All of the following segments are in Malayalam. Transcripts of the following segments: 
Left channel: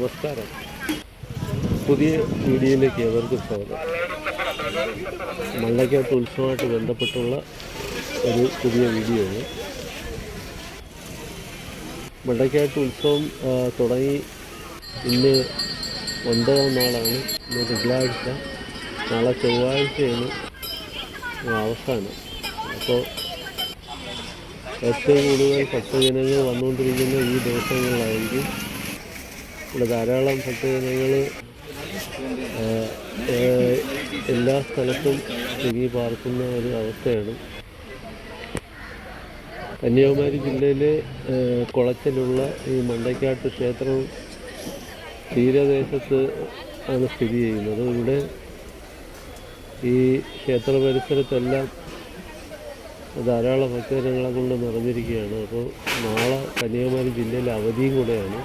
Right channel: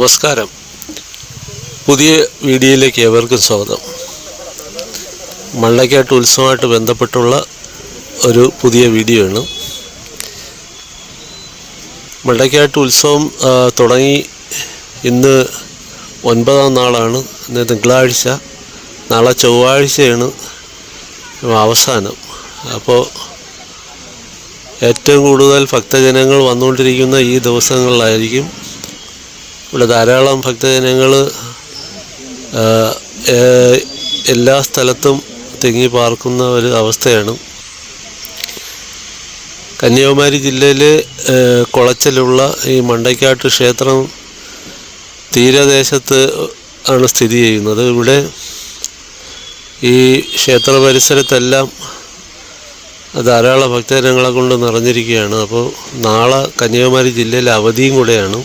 നമസ്കാരം. പുതിയ വീഡിയോയിലേക്ക് ഏവർക്കും സ്വാഗതം. മണ്ണക്കാട്ട് ഉത്സവമായിട്ട് ബന്ധപ്പെട്ടുള്ള ഒരു പുതിയ വീഡിയോ ആണ് മള്ളക്കാട്ട് ഉത്സവം തുടങ്ങി ഇന്ന് ഒൻപതാം നാളാണ്. ഇന്ന് തിങ്കളാഴ്ച നാളെ ചൊവ്വാഴ്ചയാണ് അവസാനം. അപ്പോൾ ഏറ്റവും കൂടുതൽ ഭക്തജനങ്ങൾ വന്നുകൊണ്ടിരിക്കുന്ന ഈ ദിവസങ്ങളിലായിരിക്കും ഇവിടെ ധാരാളം ഭക്തജനങ്ങൾ എല്ലാ സ്ഥലത്തും തിങ്ങി പാർക്കുന്ന ഒരു അവസ്ഥയാണ്. കന്യാകുമാരി ജില്ലയിലെ കുളച്ചിലുള്ള ഈ മണ്ടയ്ക്കാട്ട് ക്ഷേത്രം തീരദേശത്ത് ആണ് സ്ഥിതി ചെയ്യുന്നത്. ഇവിടെ ഈ ക്ഷേത്ര പരിസരത്തെല്ലാം ധാരാളം ഭക്തജനങ്ങളെ കൊണ്ട് നിറഞ്ഞിരിക്കുകയാണ്. അപ്പോൾ നാളെ കന്യാകുമാരി ജില്ലയിൽ അവധിയും കൂടെയാണ്.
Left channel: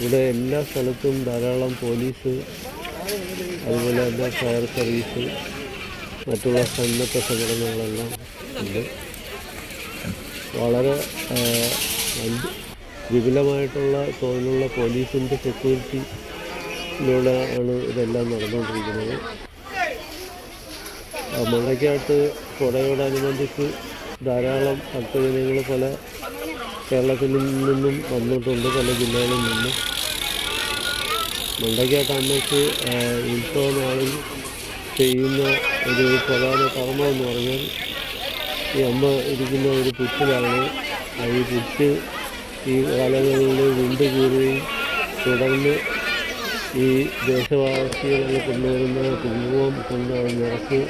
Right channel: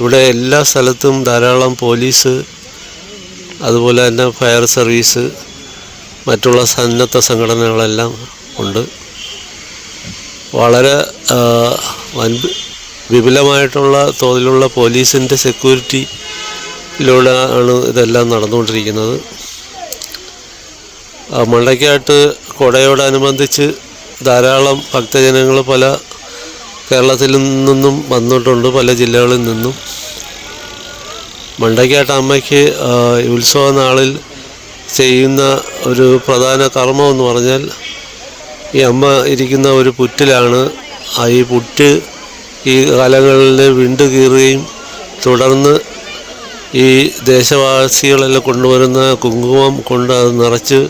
ഇവിടെ എല്ലാ സ്ഥലത്തും ധാരാളം പോലീസ് അതുപോലെ തന്നെ ഫയർ സർവീസ് മറ്റുള്ള സന്നദ്ധ സംഘടനകളെല്ലാം ഉണ്ട്. വളരെ വൻ വിപുലമായിട്ടുള്ള തോതിലുള്ള പോലീസിന്റെ സെക്യൂരിറ്റിയിലൂടെ ആണ് ഇതെല്ലാം നടന്നുകൊണ്ടിരിക്കുന്നത്. മണ്ടയ്ക്കാട്ട് കൊടയോടനുബന്ധിച്ച് ധാരാളം ഭക്തജനങ്ങൾ പല കേരളത്തിൽ നിന്നും വന്നിട്ടുണ്ട് പല ജില്ലകളിൽ നിന്നും. മണ്ടയ്ക്കാട്ട് അമ്മയ്ക്ക് ഉത്സവ നാളിൽ ചെയ്യുന്ന ഒരു പ്രധാന കർമ്മം എന്ന് പറഞ്ഞാൽ ഈ അമ്മ ഇരിക്കുന്ന ഒരു പുറ്റിലാണ്. ഈ പുറ്റ് ഈ കാലങ്ങളിൽ വിണ്ടു കീറുകയും തുടർന്ന് ഈ ദേശവാസികളെല്ലാം കൊണ്ടുവരുന്ന കുങ്കുമം കൊണ്ട് അത് നിറച്ച്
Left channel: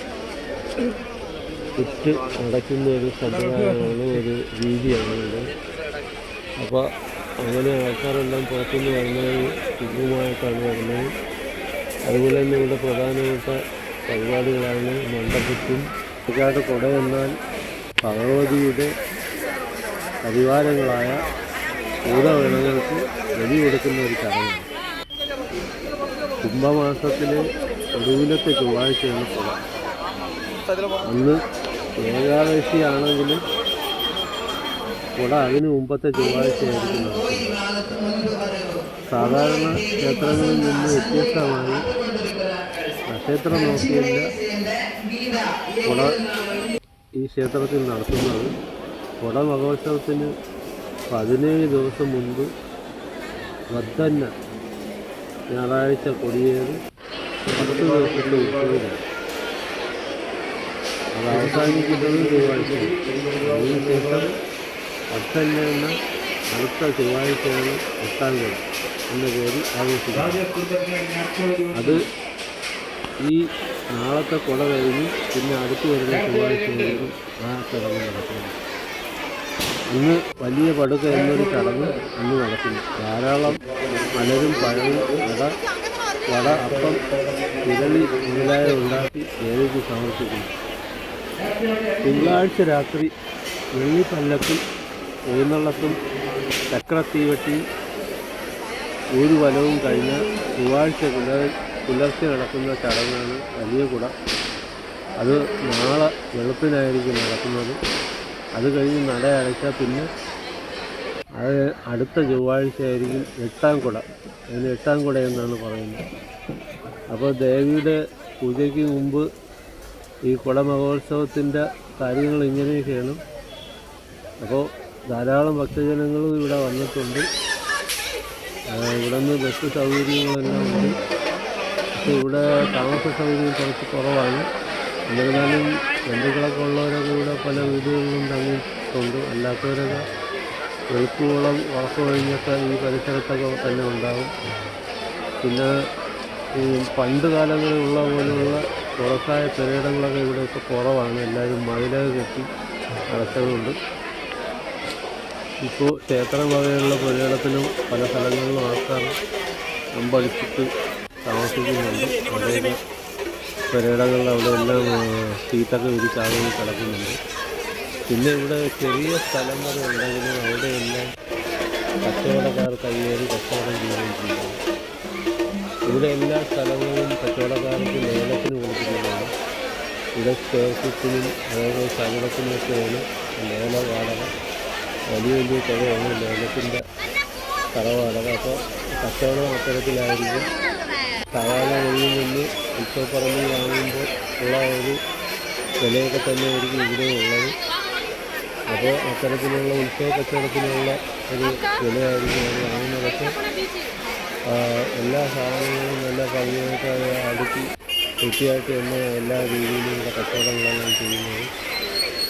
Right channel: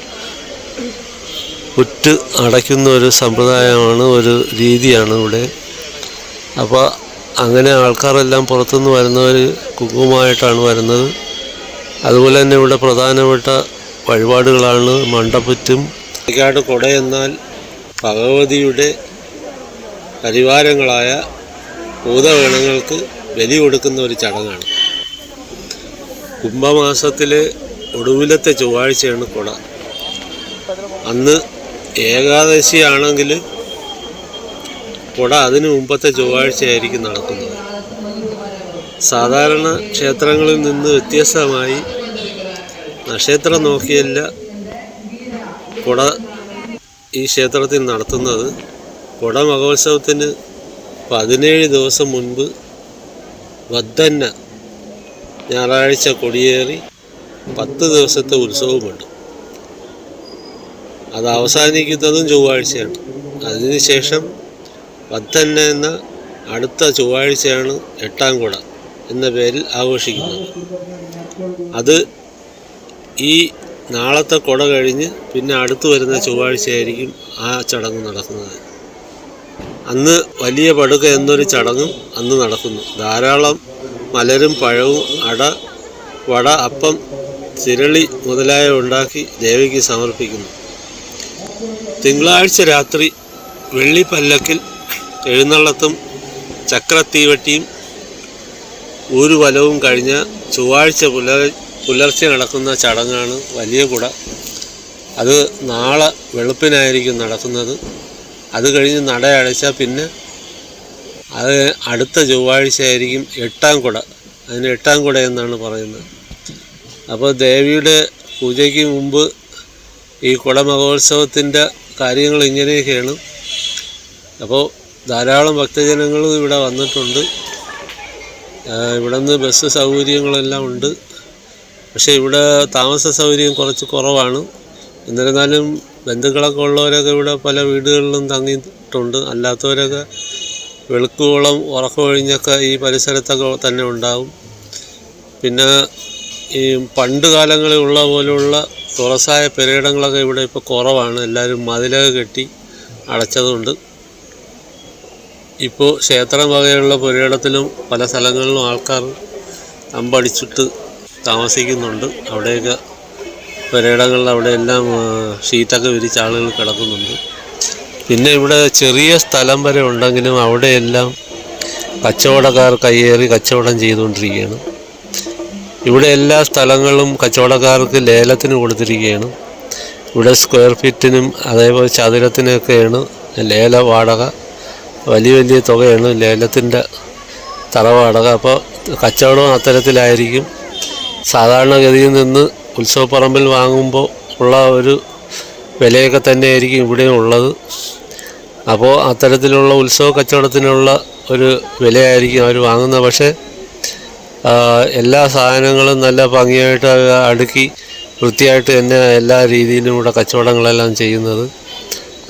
പുറ്റ് അടയ്ക്കുന്ന ഒരു സമ്പ്രദായമാണ് ഒരു രീതിയാണ് ഇവിടെ. അപ്പോൾ അങ്ങനെ ആൾക്കാരെല്ലാം പുറത്തുനിന്ന് വരുന്നവർ കുങ്കുമായിട്ടാണ് വരുന്നത്. അതുപോലെ തന്നെ ഇവിടെ പ്രധാനപ്പെട്ട വഴിപാടുകളാണ് മണ്ടപ്പുറ്റും കാട് കൊട എന്നാൽ ഭഗവതിയുടെ പരിവാരങ്ങളായ ഭൂതഗണങ്ങൾക്ക് ബലി കൊടുക്കുന്ന ഒരു ചടങ്ങാണ്. കുംഭമാസത്തിലെ ഒടുവിലത്തെ ചൊവ്വാഴ്ചയാണ് കൊട. അന്ന് ഏകാദശിയാണെങ്കിൽ കുട അതിനു മുമ്പത്തെ ചൊവ്വാഴ്ചയായിരിക്കും നടക്കുന്നത്. സാധാരണ ക്ഷേത്രങ്ങളിൽ നിന്ന് വ്യത്യസ്തമായി നക്ഷത്രം നോക്കിയല്ല കുട ഈ ക്ഷേത്രത്തിൽ നടത്തുന്നത്. കുട മഹോത്സവത്തിന് പതിനേഴ് ദിവസം മുൻപ് വദ്ധന്ന ഞായറാഴ്ച കൊടിയേറി പത്ത് ദിവസത്തെ ഉത്സവമുണ്ട്. അത് അവസാനിക്കുന്നതും ചൊവ്വാഴ്ചയാണ്. അതിനുശേഷം പത്തന്ന എന്ന അടുത്ത ചൊവ്വാഴ്ചയാണ് എട്ടാം കുട എന്ന പേരിൽ ആഘോഷിക്കുന്നത്. അത് ഈ നാളത്തെ കുട കഴിഞ്ഞ് പിന്നെ അടുത്തു വരുന്ന ചൊവ്വാഴ്ചയായിരിക്കും ആ ചടങ്ങ് നടക്കുന്നത്. അന്ന് വലിയ പടുക എന്നൊരു ചടങ്ങ് അന്ന് നടക്കുന്നു. ധാരാളം മലരും പഴവും അട വട അപ്പം ചിരളി മുതലായ ഉണ്ടാക്കി ദേവിക്ക് സമർപ്പിക്കുന്നു. തിങ്കളാഴ്ച രാത്രി വെള്ളിപ്പല്ലക്കിൽ എഴുന്നള്ളത്തും ചക്രത്തീവട്ടിയും ഊരുവലവും കഴിഞ്ഞ ചൊവ്വാഴ്ച പുലർ പുലർച്ചെ നടക്കുന്ന ചടങ്ങാണ് വലിയ കുട. അത് നാളെ വെളുപ്പിനായിരിക്കും നടക്കുന്നത്. അത് കഴിഞ്ഞ് നട അടച്ചാൽ പിന്നെ അത് അടുത്ത ചൊവ്വാഴ്ച ആയിരിക്കും എട്ടാം കുട. അതിന് എട്ടാം കുട എന്നാണ് പറയുന്നത്. അപ്പോൾ ദേവിയുടെ പൂജയ്ക്ക് മുമ്പ് ഈ കുട മഹോത്സവത്തിന്റെ കാര്യങ്ങൾ ഇങ്ങനെയൊക്കെയാണ്. അപ്പോൾ ധാരാളം ഭക്തജനങ്ങൾ ഇവിടെ വന്നിട്ടുണ്ട്. ഇവിടുന്ന് ബസ് സൗകര്യങ്ങളെല്ലാം ഉണ്ട്. പക്ഷേ ഇവിടെ താമസ സൗകര്യം കുറച്ച് കുറവാണ്. എന്നിരുന്നാലും ബന്ധുക്കളൊക്കെ ഉള്ളവരൊക്കെ ഇവിടെ പല വീടുകളിലും തങ്ങിയിട്ടുണ്ട്. അല്ലാത്തവരൊക്കെ വെളുക്കുവോളം ഉറക്കമൊഴിഞ്ഞൊക്കെ ഈ പരിസരത്തൊക്കെ തന്നെ ഉണ്ടാകും പിന്നെ ഈ പണ്ട് കാലങ്ങളിൽ ഉള്ള പോലുള്ള തുറസായ പെരയിടങ്ങളൊക്കെ ഇവിടെ ഇപ്പോൾ കുറവാണ്. എല്ലാവരും മതിലൊക്കെ കെട്ടി അടച്ചതുകൊണ്ട് ഇപ്പോൾ ക്ഷേത്രം വകയുള്ള പുരയിടത്തിലും പല സ്ഥലങ്ങളിലും ആൾക്കാർ അമ്പടിച്ചിട്ട് താമസിക്കുന്നുണ്ട്. അവിടെയൊക്കെ പുരയിടങ്ങളിൽ അവിടെയെല്ലാം ഷീറ്റൊക്കെ വിരിച്ച് ആളുകൾ കിടക്കുന്നുണ്ട്. പിന്നെ ഇവിടെ ചെറിയ സ്ഥലം വരെ ഉണ്ടെങ്കിലും അവിടെയെല്ലാം കച്ചവടക്കാർ കയ്യേറി കച്ചവടം ചെയ്തുകൊണ്ടിരിക്കുകയാണ്. ഇവിടെ എല്ലാ സ്ഥലങ്ങളും കച്ചവടക്കാർക്ക് ലേലത്തിന് കൊടുത്തിരിക്കുകയാണ്. ഇവിടെ സ്ക്വയർ ഫീറ്റിനും അതേപോലെ ചതുരത്തിനൊക്കെയാണ് ലേല വാടക വലിയ വലിയ തുകയാണ് ലേലത്തിന്റെ തറവാടക അപ്പോൾ കച്ചവടം അത്തരത്തിലായിരിക്കും. സാധാരണഗതിയിൽ നിന്ന് ഉത്സവപ്പറമ്പിൽ വാങ്ങുമ്പോൾ ഉള്ള ഒരു വിലയൊക്കെ തന്നെയായിരിക്കും ഇവിടെ ഉള്ളത്. അപ്പോൾ അത്തരത്തിലുള്ള ഉത്സവ കച്ചവടത്തിനുള്ള ഒരു വിലയായിരിക്കും അവർ വാങ്ങുന്നത്. പക്ഷേ എല്ലാ സാധനങ്ങളും നല്ല ഭംഗിയായിട്ട് അടുക്കി വൃത്തിയായിട്ട് തന്നെ എല്ലാ രീതിയിലും ഇവിടെ കച്ചവടങ്ങളെല്ലാം ചെയ്യുന്നത്.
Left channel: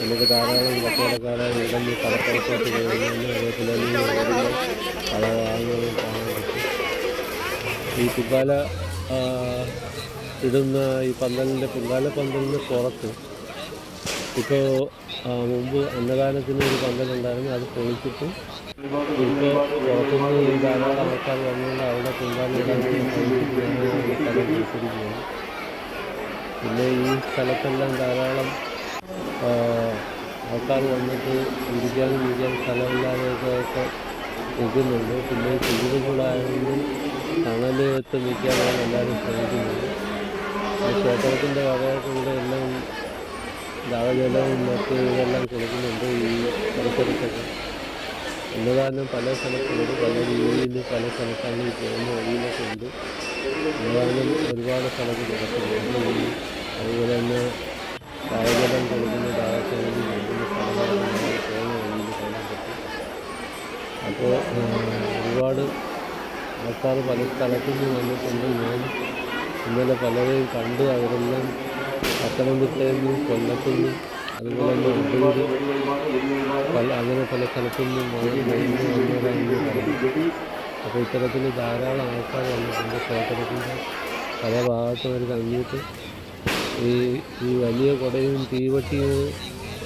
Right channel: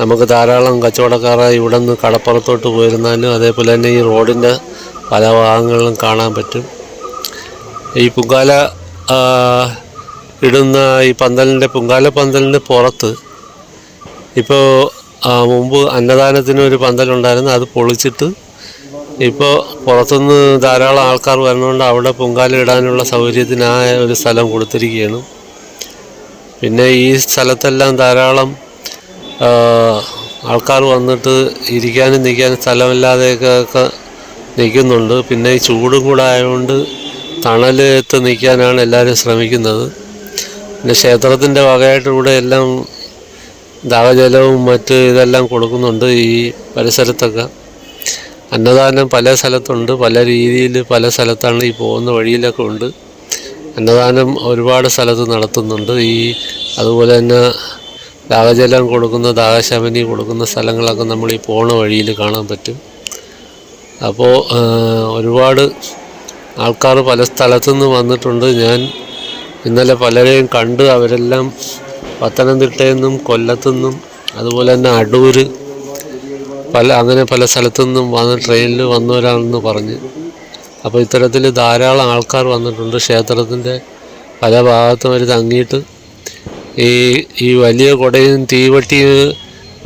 നമുക്ക് ധാരാളം കച്ചവടക്കാർ ഇവിടെ നിന്ന് കടപ്പുറത്തോട്ട് പോയിരുന്നാലും അതേപോലെ തന്നെ ഈ റോഡിന്റെ പല ഭാഗങ്ങളിലും കാണാൻ പറ്റും. ഈ പുങ്കാല ഇടുന്ന ഈ പന്തലിന്റെ പുങ്കാല പന്തലിന്റെ പുറത്ത് ഇപ്പോൾ മുമ്പ് അന്നദാനത്തിന് ഒരു പന്തലുണ്ടായിരുന്നു. അത് പൊളിച്ചിട്ട് ഇപ്പോൾ പുറത്തുനിന്ന് ധാരാളം ആൾക്കാർ വരുന്നതുകൊണ്ട് അവിടെ പൊങ്കാല ഇടാനുള്ള സൗകര്യത്തിനായ ഒരു സ്ഥലം കൊടുത്തിരിക്കുകയാണ്. പിന്നെ ഈ സ്ഥലത്തെല്ലാം ധാരാളം ആൾക്കാർ വന്നിട്ട് ഇരിക്കാനും നിൽക്കാനും സ്ഥലമില്ലാതെയൊക്കെ നിൽക്കുന്നുണ്ട്. പിന്നെ ഈ ചൂടും കൂടെ ആയതുകൊണ്ട് തണലത്ത് നിൽക്കാനാണ് എല്ലാവരും ശ്രമിക്കുന്നത്. പിന്നെ ക്ഷേത്രത്തിന്റെ വകയായിട്ട് ഇവിടെ എല്ലാം ദാഹജലവും മറ്റ് ഇതെല്ലാം കൊടുക്കുന്നുണ്ട് ഈ പരിസരത്തൊക്കെ. അന്നദാനം പല സ്ഥലത്തുണ്ട്. പല രീതിയിൽ പല സ്ഥലത്താണ് ഈ പോകുന്ന വഴിയിലൊക്കെ ഉണ്ട്. അന്നദാനം ഒരുപാട് സ്ഥലത്ത് നടത്തുന്നുണ്ട്. ഈ അതുപോലെ തന്നെ ദാഹജലം കൊടുക്കുന്ന ദാഹശമനി കൊടുക്കുന്ന സ്ഥലങ്ങളൊക്കെ നമ്മൾ ഈ പോണ വഴിയിൽ കാണാൻ പറ്റും. അപ്പോൾ ഒരുപാട് ആൾക്കാർ പല സ്ഥലത്തുനിന്ന് വന്നിട്ടുണ്ട്. ഞാൻ ഇന്നലെ പലരെയും കണ്ട് അവരെല്ലാം പത്തനംതിട്ടയിൽ നിന്നും കൊല്ലത്തുനിന്നും അതുപോലെ തന്നെ അടൂർ പല അങ്ങനെ പല സ്ഥലത്തു നിന്നും വന്ന് ട്രെയിനിൽ വന്നവരാണെന്ന് പറഞ്ഞ്. അപ്പോൾ ഇത്തരത്തിൽ ധാരാളം ആൾക്കാർ വന്നിട്ടുണ്ട്. ക്ഷേത്രത്തിന്റെ പല ഭാഗത്തും അവർ തങ്ങിയിട്ട് ഈ ഈ വലിയ കുടയും തീവട്ടി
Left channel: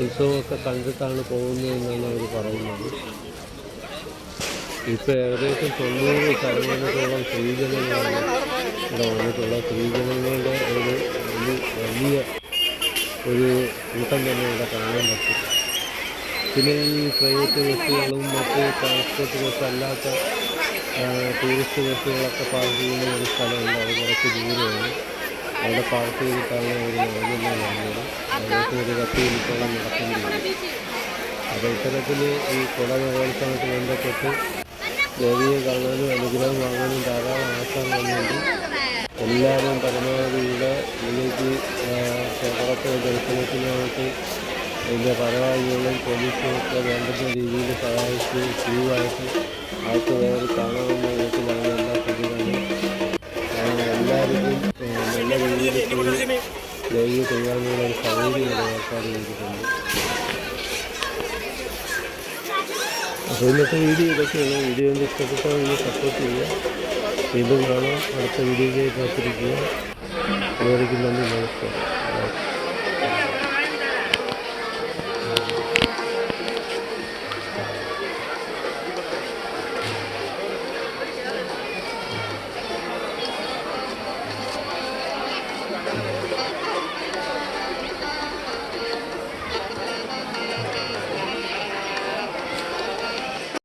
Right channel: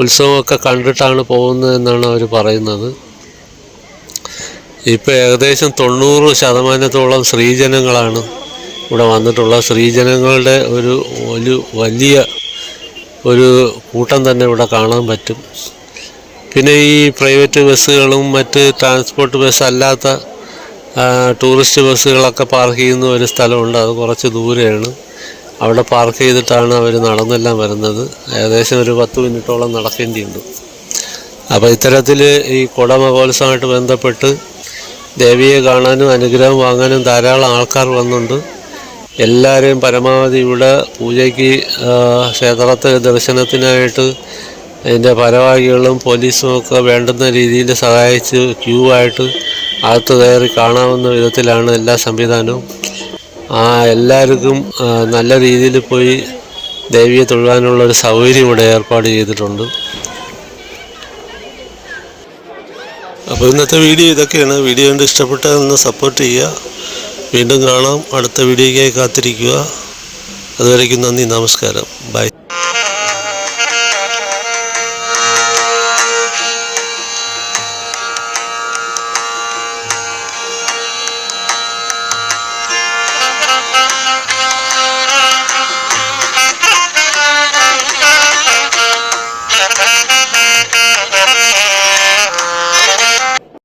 ഉത്സവമൊക്കെ കണ്ടിട്ടാണ് പോകുന്നതെന്നാണ് അവർ പറയുന്നത്. ഇപ്പോൾ ഏകദേശം തൊണ്ണൂറ് ശതമാനത്തോളം സ്ത്രീജനങ്ങളാണ് ഇവിടെ വന്നിട്ടുള്ള സ്ത്രീജനങ്ങളുടെ ഒരു ഒരു വലിയ ഒരു കൂട്ടം തന്നെ ഇവിടെ കാണാൻ പറ്റും. പിന്നെ ഈ പ്രൈവറ്റ് ബസ്സുകളും മറ്റ് ട്രാൻസ്പോർട്ട് ബസ് അല്ലാത്ത ടൂറിസ്റ്റ് ബസ്സുകളൊക്കെ പാർക്ക് ചെയ്യുന്ന ഒരു സ്ഥലമുണ്ട്. അത് കുറച്ച് ദൂരെയാണ്. അവിടെ പാർക്ക് ചെയ്തിട്ടാണ് അവർ നടന്നെല്ലാം വരുന്നത്. ഏകദേശം ഒരു പത്ത് മിനിറ്റോളം നടക്കേണ്ടി വരും അപ്പോൾ ഇത്തരത്തിൽ ഈ കുട മഹോത്സവമായിട്ട് ബന്ധപ്പെട്ട് ദേവിയെ കാണാനും അനുഗ്രഹം വാങ്ങാനും ധാരാളം ആൾക്കാർ വന്നുണ്ട്. എല്ലാവരെയും പരമാവധി ഇവിടെ പൂജയ്ക്ക് ക്ഷേത്രത്തെ ദർശനത്തിനായിട്ട് അതിന്റെ ഭാരവാഹികളും പോലീസും ഒക്കെ വേണ്ടുന്ന രീതിയിൽ സഹായിച്ച് ക്യൂ ആയിട്ട് അകത്ത് കയറി കാണാവുന്ന വിധത്തിലാണ് എല്ലാ സംവിധാനവും. ആ എല്ലാവർക്കും നല്ല രീതിയിൽ പോയി ദേവിയെ തൊഴുവാനുള്ള ഒരു സൗകര്യം ഇവിടെ ഏർപ്പാട് ചെയ്തിട്ടുണ്ട്. അപ്പോൾ ഇന്നത്തെ വീഡിയോ ഇതൊക്കെയാണ്. വീഡിയോ കണ്ട് ഇഷ്ടപ്പെട്ടതെന്ന് സപ്പോർട്ട് ചെയ്യുക. വീണ്ടും കാണാം. അടുത്ത വീഡിയോയ്ക്കായി കാത്തിരിക്കുക. അതുവരേക്കും നന്ദി നമസ്കാരം. ബൈ